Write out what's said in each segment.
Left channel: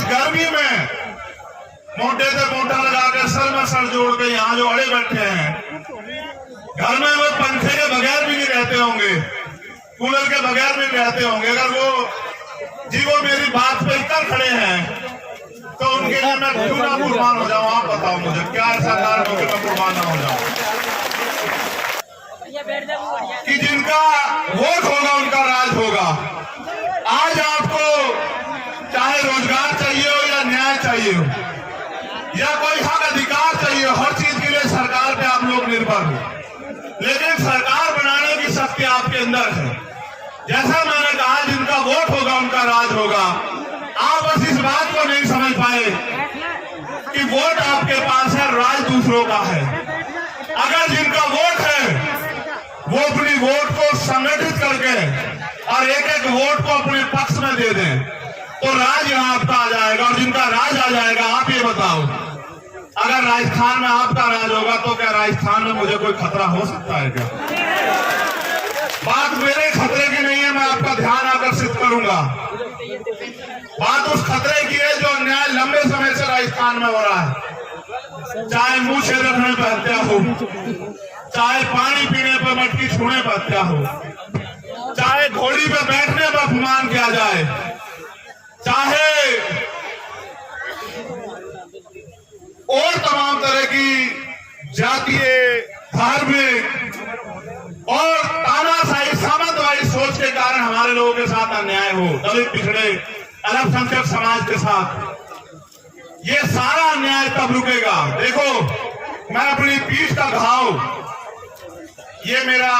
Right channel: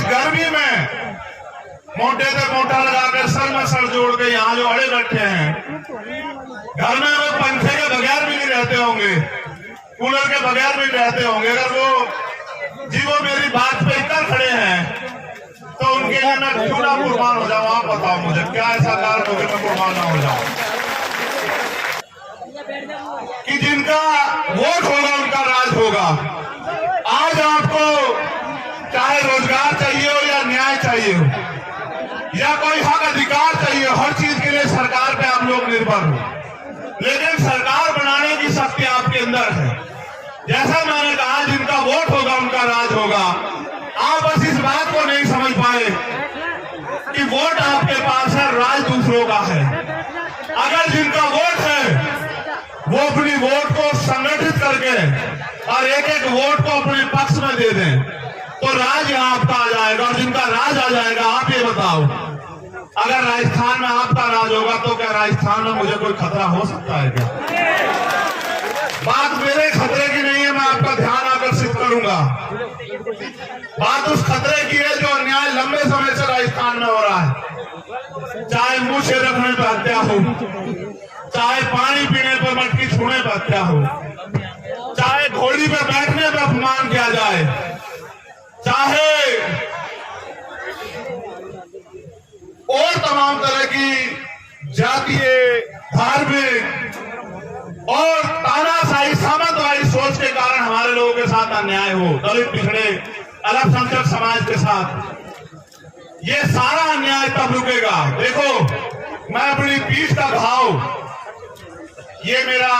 इस गर्मी में मोटे से मोटा लगाकर सर में सर जोड़ के यहाँ जो अड़े बैठे हैं, घर में वो पंखे के बगैर भी नहीं रहते होंगे, कूलर के बगैर भी रहते होंगे। अगर वो मेरी बात पे कर खड़े हैं तो उनके लिए मैं क्यों ना कुर्बान हो जाऊं? आप बताओ मुझे, क्या ऐसा कारण हो कि मैं कुर्बान ना हो जाऊं? कि जिनका वोट होगा उनका राज होगा। आज आपको चाहे रोजगार चाहिए हो या न्याय चाहिए हो या कोई हक अधिकार चाहिए, हर चीज के लिए सरकार पे आप लोग निर्भर हो, लेकिन सरकार बनाने की शक्ति आपके अंदर है। जैसा मैंने कहा, जिनका वोट होगा उनका राज होगा। आप बस इस बात को नहीं समझ पाए कि वोट आपके पास है, राज दूसरों का है। अगर जिनका वोट है वो अपनी वोट को संगठित करके और एक एक वोट को अपने पक्ष में दे दें तो राज यहाँ आपका आ जाएगा। और जिनका राज आ जाएगा, आप ये बताओ, अगर राजस्थान में आपका राज होगा तो क्या राजस्थान में मुझे कोई खतरा हो सकता है क्या? बात मेरे खतरे की नहीं है, मैं आपका ध्यान आकर्षित करूंगा। बात उस खतरे की है जो अन्याय लंबे समय से राजस्थान में हो रहा है। चाहे मुंह से रखने पर हत्या हो, चाहे पानी पीने पर मटकी छूने पर हत्या हो, चाहे घोड़ी पर बैठने पर अपमान किया जाए, चाहे और तमाम तरह की जातीय, धार्मिक और तानाशाही सामंतवादी सोच के कारण हमारे लोगों के साथ अन्याय हो, दलित, पिछड़े, अल्पसंख्यक समाज के साथ, ये सारा अन्याय तब रुकेगा। देखो, मैं अपनी पीठ का घाव, ये मेरा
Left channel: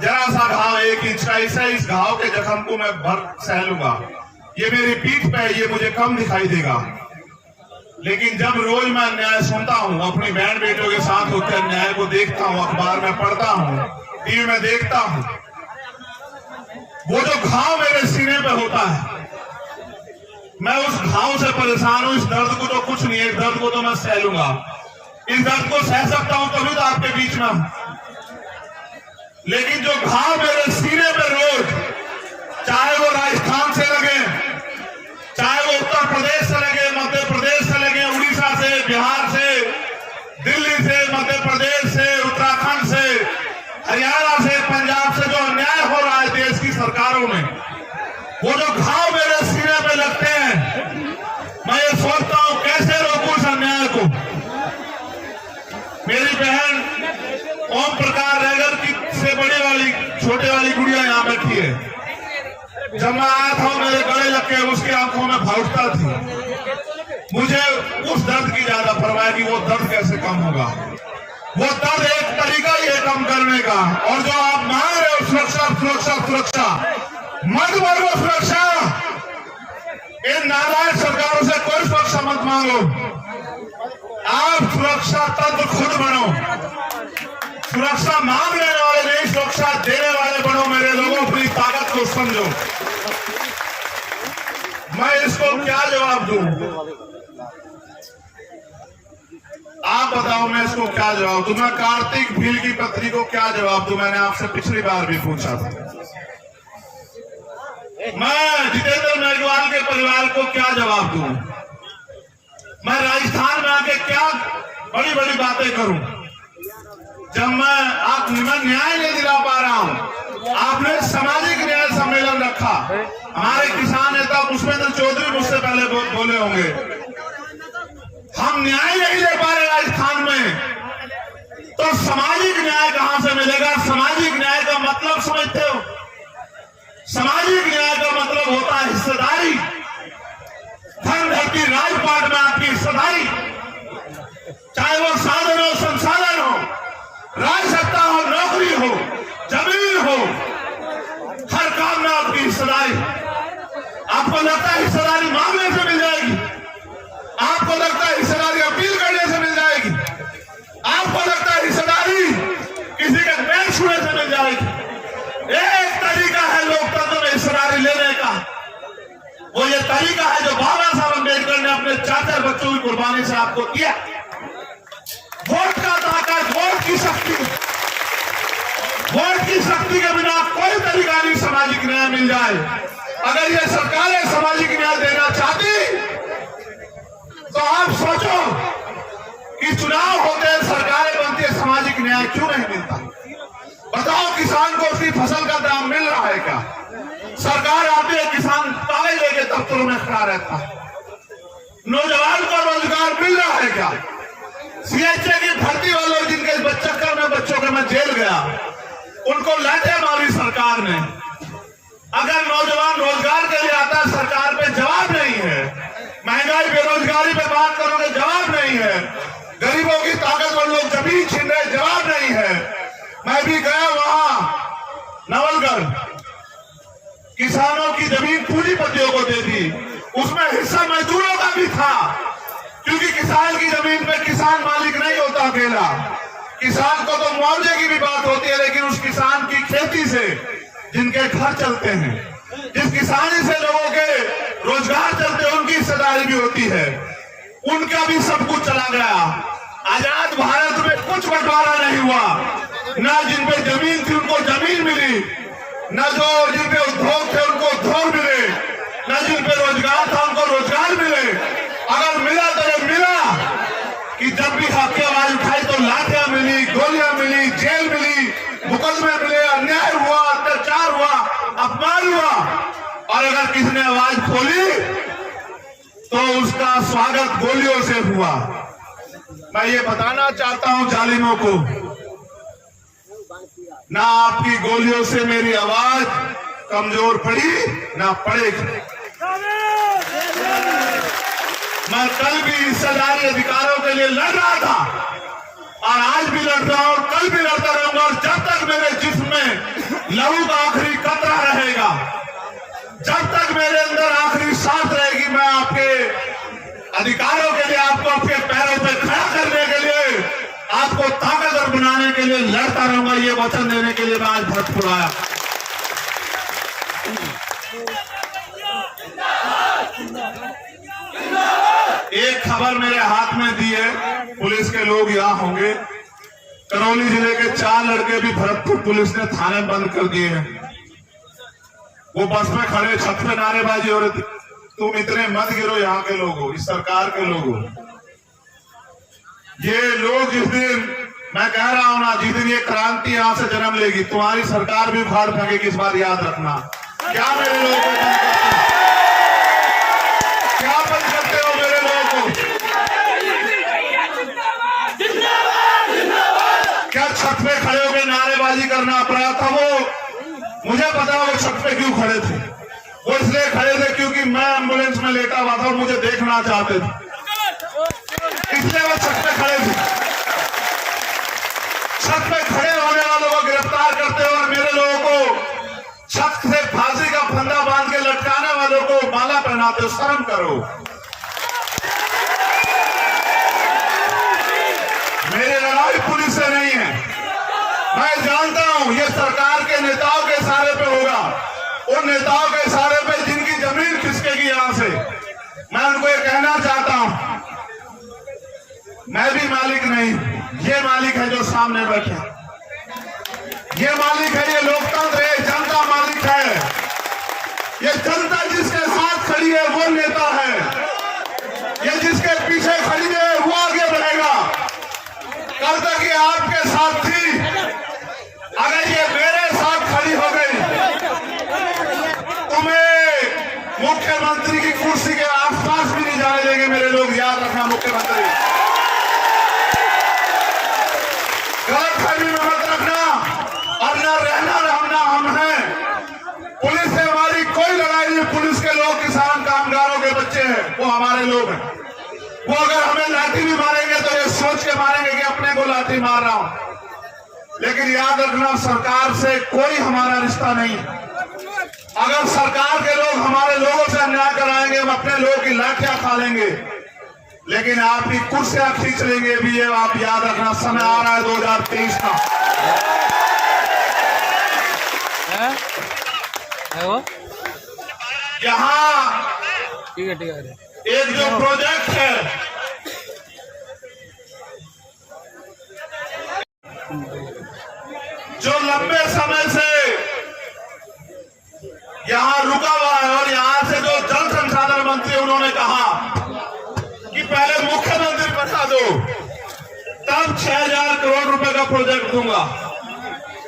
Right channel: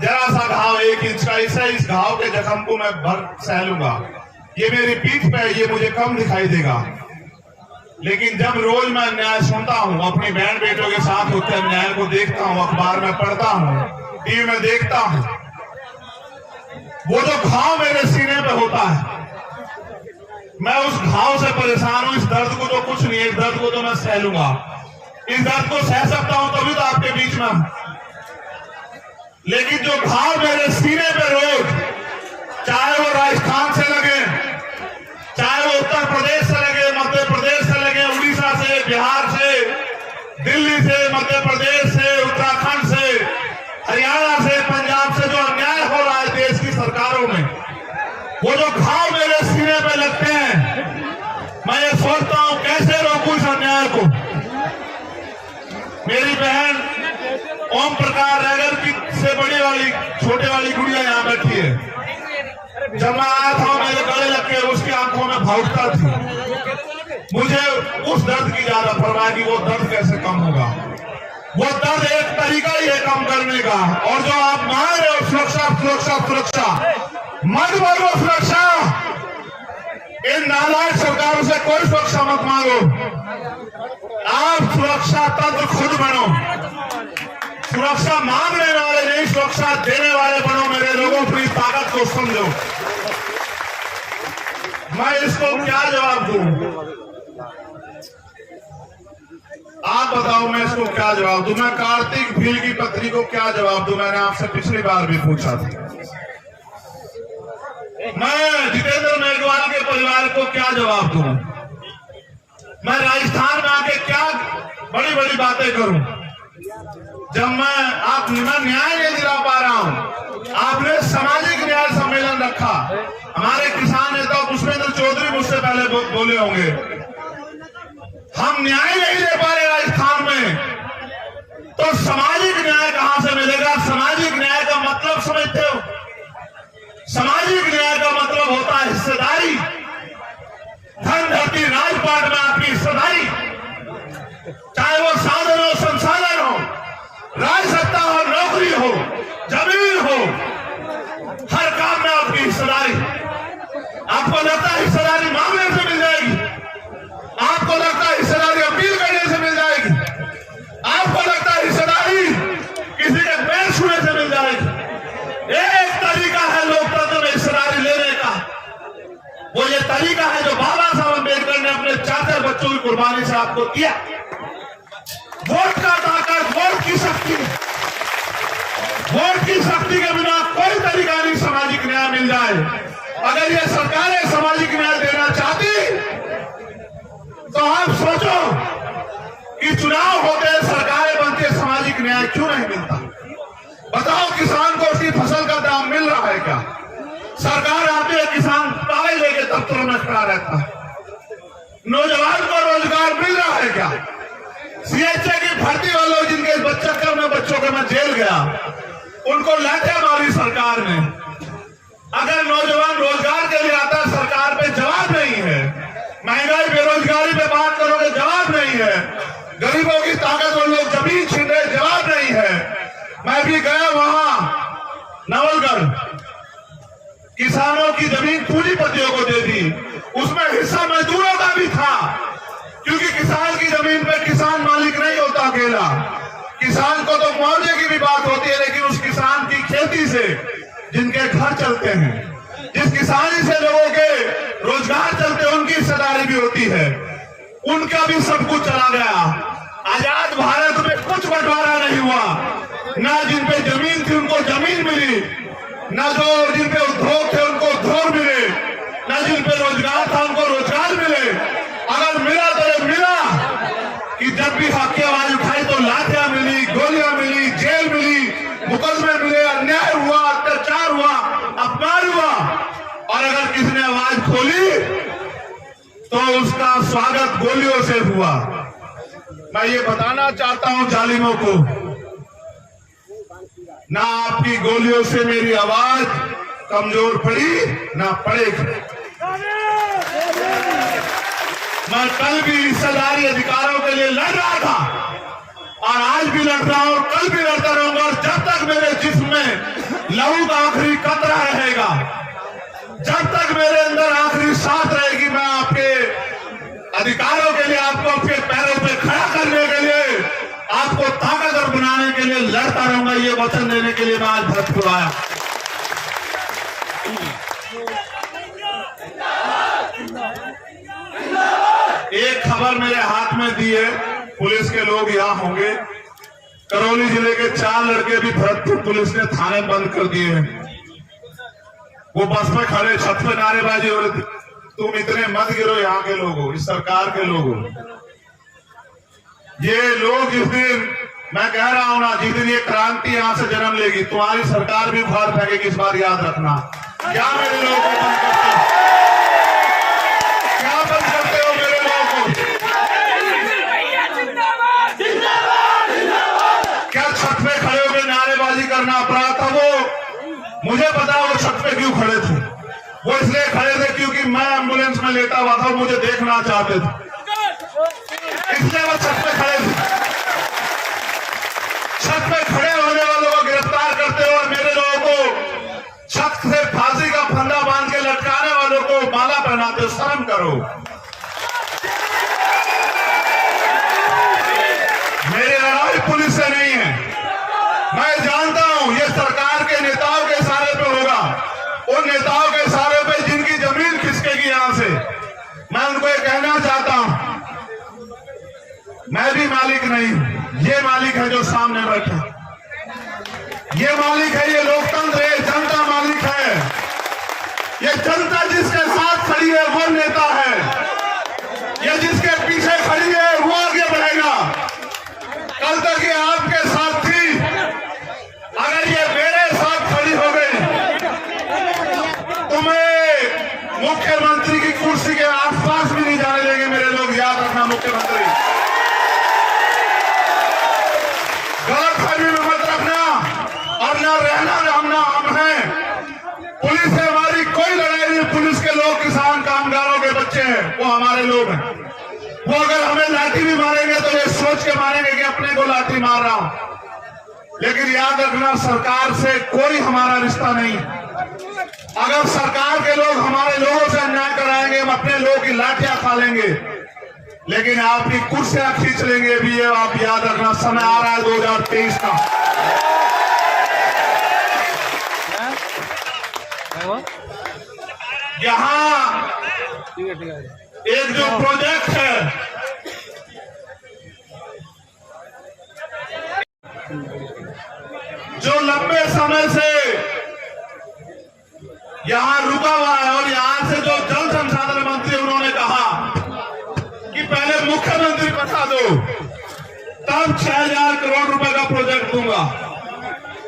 जरा सा घाव 1 इंच का, इस घाव के जख्म को मैं भर सह लूंगा। ये मेरी पीठ पे, ये मुझे कम दिखाई देगा, लेकिन जब रोज मैं अन्याय सुनता हूँ, अपनी बहन बेटों के साथ होते अन्याय को देखता हूँ, अखबार में पढ़ता हूँ, टीवी में देखता हूँ, वो जो घाव मेरे सीने पे होता है, मैं उस घाव से परेशान हूं। इस दर्द को तो कुछ नहीं है, इस दर्द को तो मैं सह लूंगा, इस दर्द को सह सकता हूं, तभी तो आपके बीच में हूं। लेकिन जो घाव मेरे सीने पे रोज, चाहे वो राजस्थान से लगे, चाहे वो उत्तर प्रदेश से लगे, मध्य प्रदेश से लगे, उड़ीसा से, बिहार से, दिल्ली से, मध्य प्रदेश से, उत्तराखंड से, हरियाणा से, पंजाब से जो अन्याय हो रहा है देश की सरकारों में, वो जो घाव मेरे सीने पे लगते हैं, मैं ये सोचता हूं कैसे रोकूं इस अन्याय को। मेरी बहन ओम प्रकाश रैगर की से बड़ी वाली छोटे वाली गुड़िया यहाँ बैठी है। जब मैं आया था मेरे गले लग के उसकी आंखों में भावुकता थी। मुझे उस दर्द की ज्यादा परवाह कि वो दर्द कैसे कम होगा। वो दर्द एक तरीका ही है कम करने का। और जो आप मांग रहे हो सुरक्षा सुरक्षा सुरक्षा, मत मांगो सुरक्षा। इन नालायक सरकारों से कोई सुरक्षा मत मांगो, आप सुरक्षा तंत्र खुद बनो। सुरक्षा मांगने वाले नहीं, सुरक्षा देने वाले बनो। मेरे लोगों, अपनी ताकत को समझो। मैं इसको क्या जवाब दूं? आप बताओ, मैं इसको क्या जवाब दूं? मैं कार्तिक भील की पत्नी को क्या जवाब दूं? मैंने आपसे पिछली बार भी पूछा था। मैं जितेंद्र मेघवाल के परिवार को क्या जवाब दूं? मैं राजस्थान में आके क्या बड़ी बड़ी बातें करूं जब मैं न्याय नहीं दिला पा रहा हूं। आपने सामाजिक न्याय सम्मेलन रखा, हमारे किसान नेता पुष्पेंद्र चौधरी मुझसे पहले बोले होंगे, हम न्याय नहीं दे पा रहे राजस्थान में, तो सामाजिक न्याय कहां से मिलेगा? सामाजिक न्याय का मतलब समझते हो? सामाजिक न्याय का मतलब होता है हिस्सेदारी। धन धरती राजपाट में आपकी हिस्सेदारी, चाहे वो साधन हो, संसाधन हो, राज सत्ता हो, नौकरी हो, जमीन हो, हर काम में आपकी हिस्सेदारी। आपको लगता है हिस्सेदारी मांगने से मिल जाएगी? आपको लगता है हिस्सेदारी अपील करने से मिल जाएगी? आपको लगता है हिस्सेदारी किसी के पैर छूने से मिल जाएगी? एक तरीका है लोकतंत्र में हिस्सेदारी लेने का, वो ये तरीका है जो बाबा साहब अम्बेडकर ने अपने 4 बच्चों की कुर्बानी से आपको दिया। वोट का ताकत, वोट की शक्ति, वोट की शक्ति के बिना कोई तरीका नहीं सामाजिक न्याय मिल जाए। अगर ये सरकारें सामाजिक न्याय देना चाहती आप सोचो कि चुनाव होते हैं, सरकारें बनती है, सामाजिक न्याय क्यों नहीं मिलता? बताओ, किसान को उसकी फसल का दाम मिल रहा है क्या? सरकार आती है, किसान ताले लेके दफ्तरों में खड़ा रहता है। नौजवान को रोजगार मिल रहा है क्या? सीएचए की भर्ती वालों जिनके चक्कर में बच्चों का मैं जेल गया, उनको लाठियां मारी सरकार ने। अगर नौजवान रोजगार के लिए आता है, सरकार पे जवाब नहीं है। महंगाई बेरोजगारी पे बात करोगे, जवाब नहीं है। गरीबों की ताकतवर लोग जमीन छीन रहे, जवाब नहीं है। मैं भी गया वहां नवलगढ़, किसानों की जमीन पूंजीपतियों को दे दी, उसमें हिस्सा मजदूरों का भी था, क्योंकि किसान की जमीन पे किसान मालिक नहीं होता अकेला। किसान को तो मुआवजे की भी बात होती है, लेकिन उस किसान की खेती से जिनके घर चलते हैं, जिस किसानी से लोगों के रोजगार चलते हैं, उनकी हिस्सेदारी भी होती है। उनका भी सब कुछ चला गया। आजाद भारत में कुछ बंटवारा नहीं हुआ। ना जिन पे जमीन थी उनको जमीन मिली, न जो जिन पे उद्योग थे उनको उद्योग मिले, न जिन पे रोजगार था उनको रोजगार मिले। अगर मिला तो ये मिला कि जब भी हक की आवाज उठाई तो लाठियां मिली, गोलियां मिली, जेल मिली, मुकदमे मिले, अन्याय हुआ, अत्याचार हुआ, अपमान हुआ। और अगर किसी ने आवाज खोली तो उसका स्वागत गोलियों से हुआ। मैं ये बताना चाहता हूं जालिमों को, ना आपकी गोलियों से मेरी आवाज कमजोर पड़ी ना पड़ेगी। मैं कल भी हिस्सेदारी अधिकारों के लिए लड़ रहा था और आज भी लड़ रहा हूं और कल भी लड़ता रहूंगा। और जब तक मेरे जिस्म में लहू का आखिरी कतरा रहेगा, जब तक मेरे अंदर आखिरी सांस रहेगी, मैं आपके अधिकारों के लिए, आपको आपके पैरों पे खड़ा करने के लिए, आपको ताकतवर बनाने के लिए लड़ता रहूंगा। ये वचन देने के लिए मैं आज भरतपुर आया। एक खबर मेरे हाथ में दी है, पुलिस के लोग यहाँ होंगे। करौली जिले के 4 लड़के भी भरतपुर पुलिस ने थाने बंद कर दिए हैं। वो बस में खड़े, छत पे नारेबाजी हो रही थी, तुम इतने मत गिरो, यहाँ के लोग हो, इस सरकार के लोग हो। ये लोग जिस दिन, मैं कह रहा हूं ना, जिस दिन ये क्रांति यहां से जन्म लेगी, तुम्हारी सरकार भी उखाड़ फेंकेगी। इस बार याद रखना। क्या मेरे लोगों को बंद करते हो? क्या बंद करते हो मेरे लोगों को? क्या छत पे खड़े होकर नारेबाजी करना अपराध था? वो मुझे पता है वो छत पे क्यों खड़े थे। वो इसलिए खड़े थे क्योंकि मैं एम्बुलेंस में लेटा हुआ था, मुझे देखना चाहते थे, इसलिए वो छत पे खड़े थे। छत पे खड़े होने वालों को गिरफ्तार करते हो और मेरे लोगों को छत से फांसी का फंदा बांध के लटकाने वालों को माला पहनाते हो। शर्म करो। मेरी लड़ाई पुलिस से नहीं है। मैं जानता हूं ये सरकार के नेताओं के इशारे पे होगा, उन नेताओं के इशारे पे जिनकी जमीन खिसकेगी यहां से। मैं उनको ये कहना चाहता हूं, मैं भी मालिक नहीं, ये मालिक है जो सामने बैठे। ये मालिक है, ये लोकतंत्र है, जनता मालिक है। ये जनता जिसके साथ खड़ी है वो नेता है। ये जिसके पीछे खड़ी है वो आगे बढ़ेगा। कल तक ये आपके साथ थी, अगर ये मेरे साथ खड़ी हो गई, तुम्हें मुख्यमंत्री की कुर्सी के आसपास भी नहीं जाने देंगे मेरे लोग। याद रखना, मुख्यमंत्री गलतफहमी में मत रखना। और न रहना रहना हम हैं। पुलिस से हमारी कोई लड़ाई नहीं। पुलिस के लोग किसान कामगारों के बच्चे हैं, वो हमारे लोग हैं। वो अगर हमें लाठी भी मारेंगे तो ये सोच के मारेंगे कि अपने को लाठी मार रहा हूं। लेकिन याद रखना, सरकार से कोई हमारा रिश्ता नहीं। अगर सरकार के लोग हमारे लोगों से अन्याय कराएंगे, हम अपने लोगों की लाठियां खा लेंगे, लेकिन आपकी कुर्सियां खींच लेंगे भी। ये आप याद रखना। समय आ रहा है 2023 का। यहाँ एक जो प्रोजेक्ट है, जो लंबे समय से यहाँ रुका हुआ है, और यहाँ से जो जल संसाधन मंत्री उन्होंने कहा कि पहले दो, तब 6,000 करोड़ रुपए का प्रोजेक्ट दूंगा।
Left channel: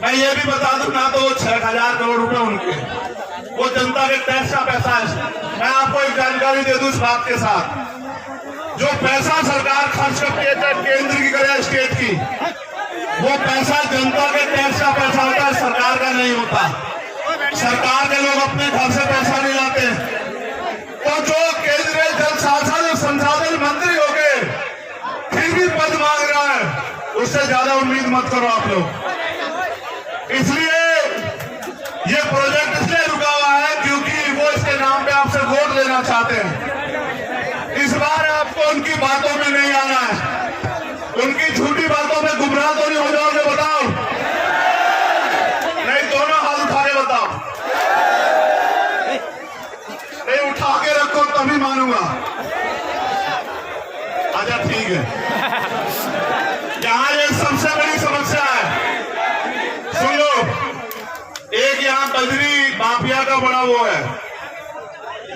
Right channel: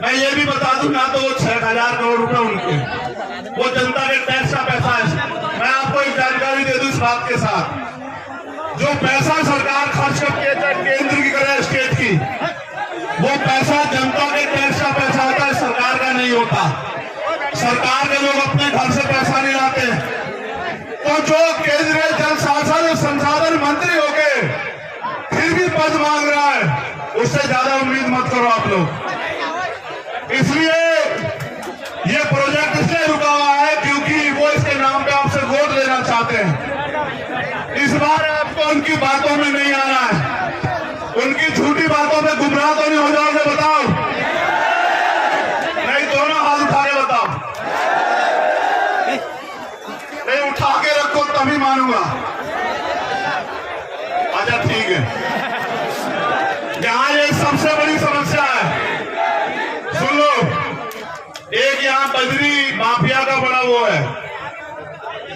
मैं ये भी बता दूं, ना तो वो 6,000 करोड़ रुपए उनके, वो जनता के टैक्स का पैसा है। मैं आपको एक जानकारी दे दूं इस बात के साथ, जो पैसा सरकार खर्च करती है, चाहे केंद्र की करे स्टेट की, वो पैसा जनता के टैक्स का पैसा होता है, सरकार का नहीं होता। सरकार के लोग अपने घर से पैसा नहीं लाते। तो जो केंद्रीय जल संसाधन मंत्री होके फिर भी पद मांग रहा है, उससे ज्यादा उम्मीद मत करो आप लोग। इसलिए ये प्रोजेक्ट इसलिए रुका हुआ है क्योंकि वो इसके नाम पे आपसे वोट लेना चाहते हैं। इस बार आपको उनकी बातों में नहीं आना है, उनकी झूठी बातों में गुमराह तो नहीं हो जाओगे, बताओ? नहीं, दोनों हाथ उठा के बताओ। नहीं, उठा के रखो तभी मानूंगा। अच्छा ठीक है। यहाँ ये सबसे बड़ी समस्या है, सुन लो। एक यहाँ बजरी माफिया का बड़ा वो है,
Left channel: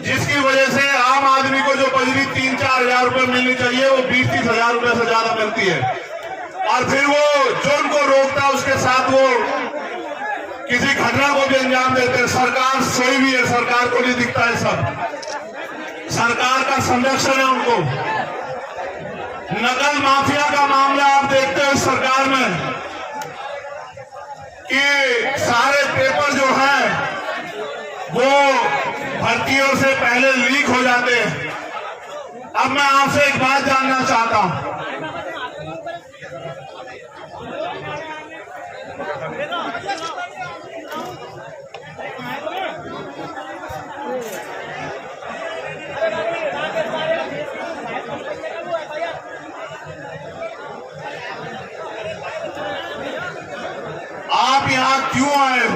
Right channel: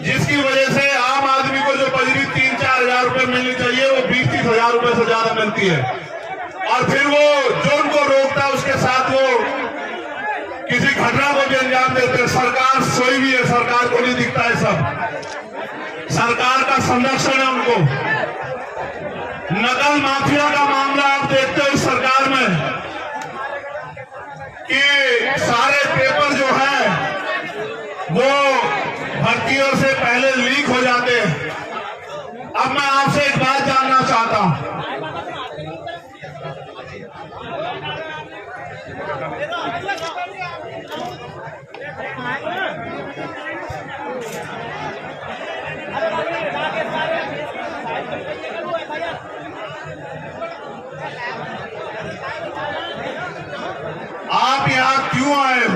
जिसकी वजह से आम आदमी को जो बजरी 3-4 हजार रुपए मिलनी चाहिए, वो 20-30 हजार रुपए से ज्यादा मिलती है। और फिर वो जो उनको रोकता है, उसके साथ वो किसी घटना को भी अंजाम देते हैं। सरकार सोई भी है, सरकार को नहीं दिखता है सब। सरकार का संरक्षण है उनको। नकल माफिया का मामला आप देखते हो सरकार में, कि सारे पेपर जो है वो भर्तियों से पहले लीक हो जाते हैं। अब मैं आपसे एक बात जानना चाहता हूं, आप यहां क्यों आए हो?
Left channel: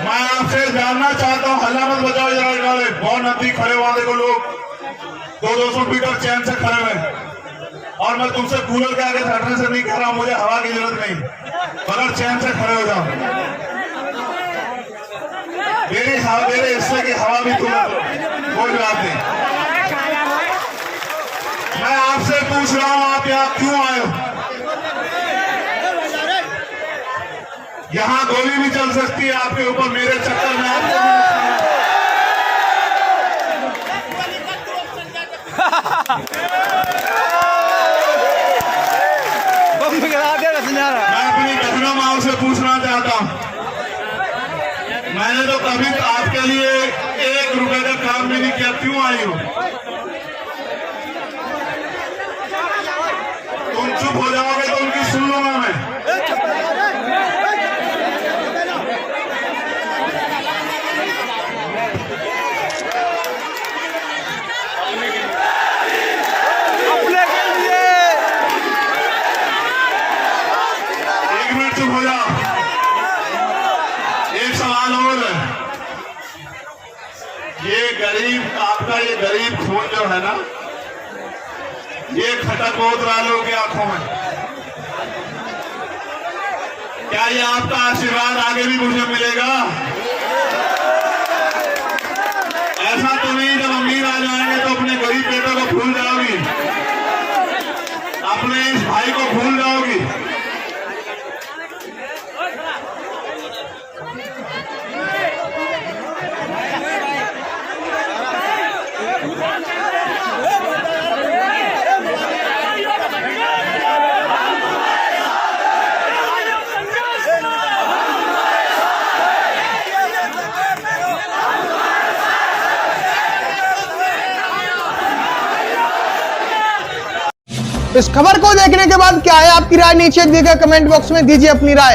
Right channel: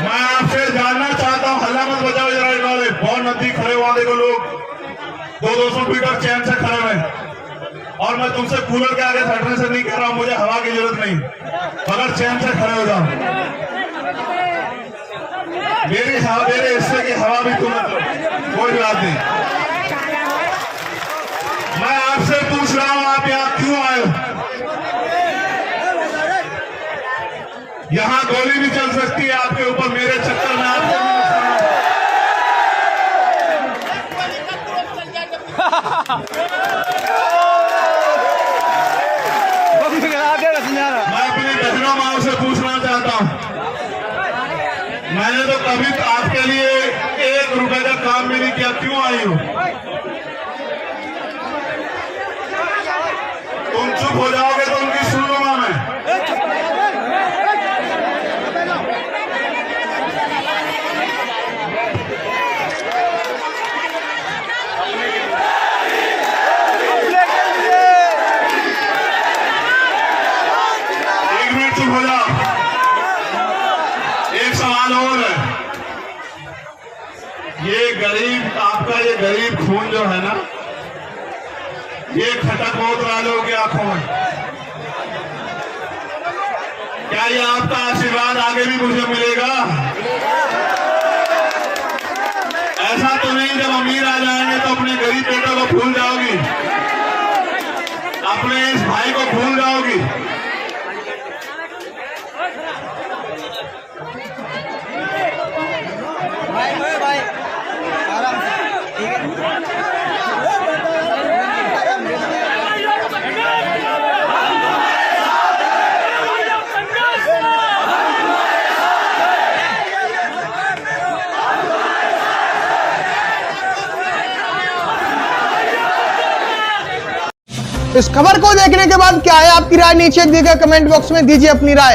मैं आपसे जानना चाहता हूं। हल्ला मत बजाओ जरा वाले, बहुत नजदीक खड़े वाले को लोग 200 मीटर चैन से खड़े हुए। और मैं तुमसे कूलर के आगे हटने से नहीं कह रहा हूं, मुझे हवा की जरूरत नहीं, मगर चैन से खड़े हो जाओ। मेरे हिस्से की हवा भी तुम लो, कोई बात नहीं। मैं आपसे पूछ रहा हूं, आप यहाँ क्यों आए हो? यहां गोली भी चल सकती है आपके ऊपर, मेरे चक्कर में आपको भी मैं अपनी बहनों माओ से पूछना चाहता हूं, मैंने तो कभी आपके लिए 1 रुपए का काम भी नहीं किया, क्यों आई हो? तुम चुप हो जाओगे तो उनकी सुन लूंगा मैं। ये गरीब, आपका ये गरीब खून जो है ना, ये खटक बहुत वालों की आंखों में। क्या ये आपका आशीर्वाद आगे भी मुझे मिलेगा? ऐसा तो नहीं जब अमीर आ जाएंगे तो अपने गरीब बेटों को भूल जाओगी, अपने इस भाई को भूल जाओगी। इस खबर को देखने के बाद क्या है आपकी राय? नीचे दिए गए कमेंट बॉक्स में दीजिए अपनी राय।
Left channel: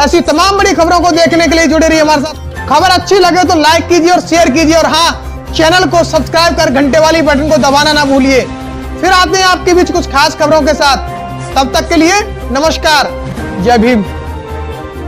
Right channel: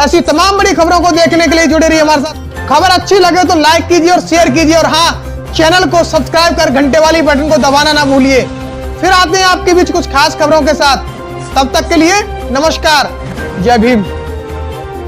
ऐसी तमाम बड़ी खबरों को देखने के लिए जुड़े रहिए हमारे साथ। खबर अच्छी लगे तो लाइक कीजिए और शेयर कीजिए, और हाँ, चैनल को सब्सक्राइब कर घंटे वाली बटन को दबाना ना भूलिए। फिर आते हैं आपके बीच कुछ खास खबरों के साथ। तब तक के लिए नमस्कार, जय भीम।